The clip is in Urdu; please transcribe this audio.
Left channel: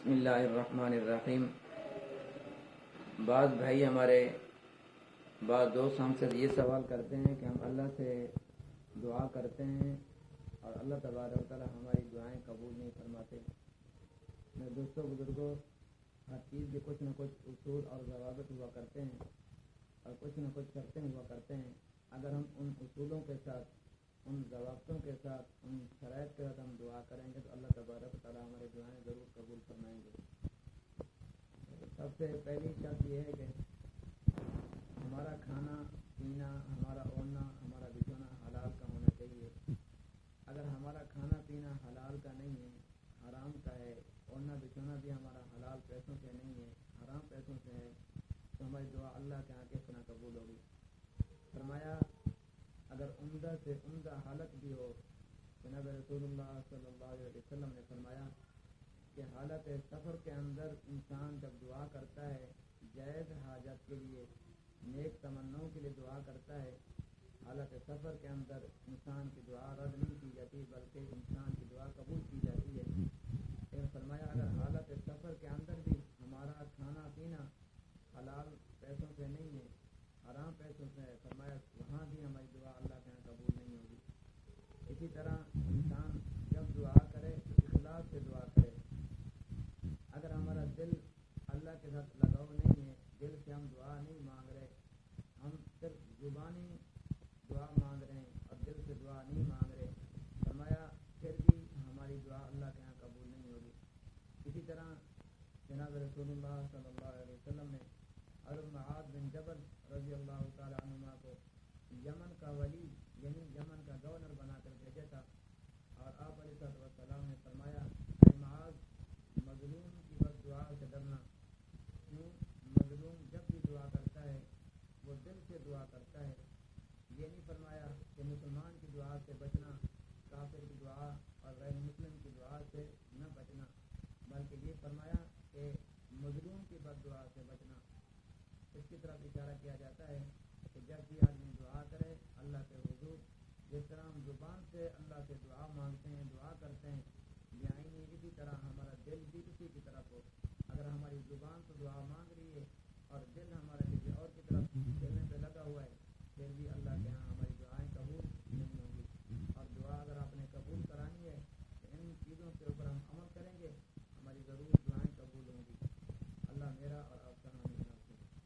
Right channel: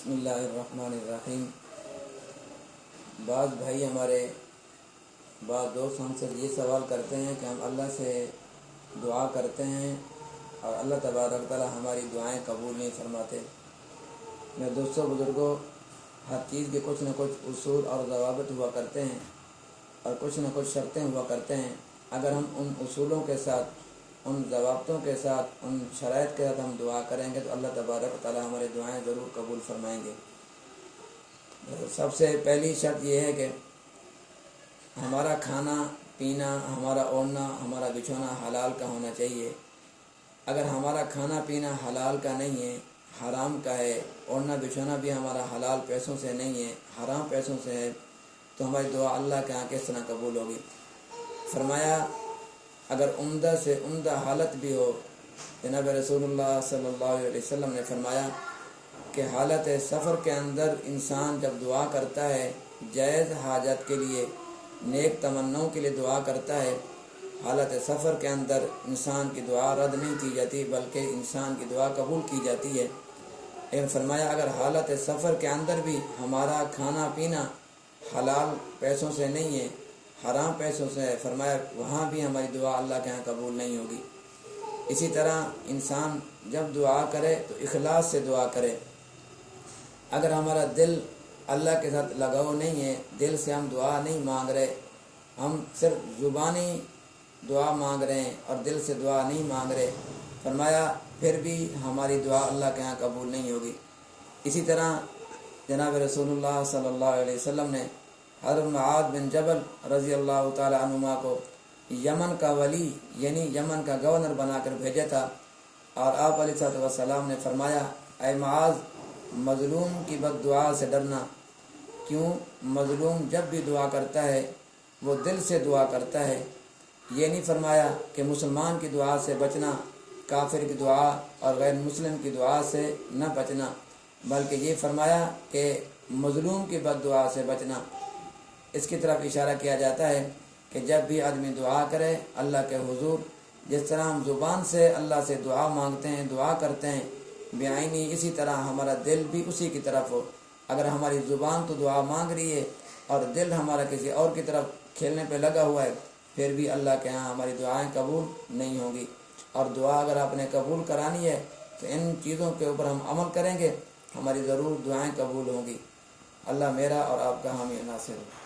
بسم اللہ الرحمن الرحیم۔ بعض بھائی ہمارے بعض دوست ہم سے یہ سوال کرتے ہیں کہ ہم اللہ سے دعا کرتے ہیں اور اللہ تبارک تعالی ہماری دعائیں قبول نہیں فرماتے۔ میرے دوستوں بزرگوں، ہر چیز کے کچھ نہ کچھ اصول اور ضوابط ہوا کرتے ہیں اور کچھ نہ کچھ شرطیں ہوا کرتے ہیں۔ اگر ہم ان اصولوں کے ساتھ، ان ضوابطوں کے ساتھ، ان شرائط کے ساتھ ہم دعا کریں گے تو اللہ تبارک تعالی ہماری دعائیں ضرور قبول فرمائیں گے۔ سب سے پہلی شرط یہ ہے کہ ہمارا کھانا پینا، ہمارا اوڑھنا، ہمارا بچھونا حلال کا ہونا چاہیے۔ اگر ہمارا کھانا پینا حلال کا نہیں ہے، حرام کا ہے، اوڑھنا بچھونا بھی ہمارا حلال پیسوں سے نہیں ہے، حرام پیسوں سے ہے، تو ہماری دعا اللہ کے ہاں کس طرح قبول ہوگی؟ فرمایا اگر عمدہ سے عمدہ حالت بھی ہو، جناب رسول اللہ صلی اللہ علیہ وسلم نے فرمایا کہ حالت سفر کے اندر انسان جب دعا کرتا ہے، جائز حاجت کے لیے، نیک تمناؤں کے لیے دعا کرتا ہے، حالت سفر کے اندر انسان کی دعا رد نہیں کی جاتی بلکہ انسان کی دعا قبول کی جاتی ہے۔ لیکن فرمایا اگر حالت سفر کے اندر بھی ہمارا کھانا پینا حلال پیسوں سے نہیں ہے، حرام پیسوں سے ہے، فرمایا وہاں بھی ہماری دعا اللہ کے ہاں قبول نہیں ہوگی۔ اسی طرح انسان جب دعا کرے تو اخلاص سے دعا کرے۔ اگر ہمارا دل اللہ کے ساتھ لگاؤ نہیں ہے، دل سے ہم دعا نہیں مانگ رہے، ہم صرف زبانی دعا مانگ رہے ہیں اور دل سے دعا نہیں مانگ رہے، فرمایا پھر بھی ہماری دعا اللہ کے ہاں قبول نہیں ہوگی۔ اسی طرح جناب رسول اللہ صلی اللہ علیہ وسلم نے حضرت معاذ بن جبل رضی اللہ تعالی عنہما کو یمن کا ولی یعنی یمن کا گورنر بنا کر بھیجا تھا، اور آپ علیہ السلام نے فرمایا اے معاذ، مظلوم کی بد دعا سے ڈرنا۔ کیوں؟ مظلوم جب بھی دعا کرتا ہے وہ دل سے دعا کرتا ہے۔ یہ نہیں فرمایا کہ مسلمان کی دعا سے بچنا، کافر کی دعا اور غیر مسلم کی دعا سے نہ بچنا، بلکہ یہ فرمایا کہ مظلوم کی بد دعا سے بچنا۔ اس کی طرف اشارہ کیا جاتا ہے کہ جب بھی آدمی دعا کرے اللہ کے حضور، جس طرح ہم زبان سے اللہ سے دعا مانگتے ہیں، دعا کرتے ہیں بعینی، اسی طرح ہمارا دل بھی اسی کی طرف ہو۔ اگر ہماری زبان تو دعا مانگ رہی ہے اور دل ہمارا کسی اور کی طرف کھیلنے پہ لگا ہوا ہے، پھر بھی اللہ کے ہاں ہماری دعائیں قبول نہیں ہوں گی۔ اور دعا اگر آپ نے قبول کرانی ہے تو ان چیزوں کے اوپر ہم عمل کریں گے، ہماری ضرور دعائیں قبول ہوں گی۔ اللہ میرا اور آپ کا حامی ناصر ہو۔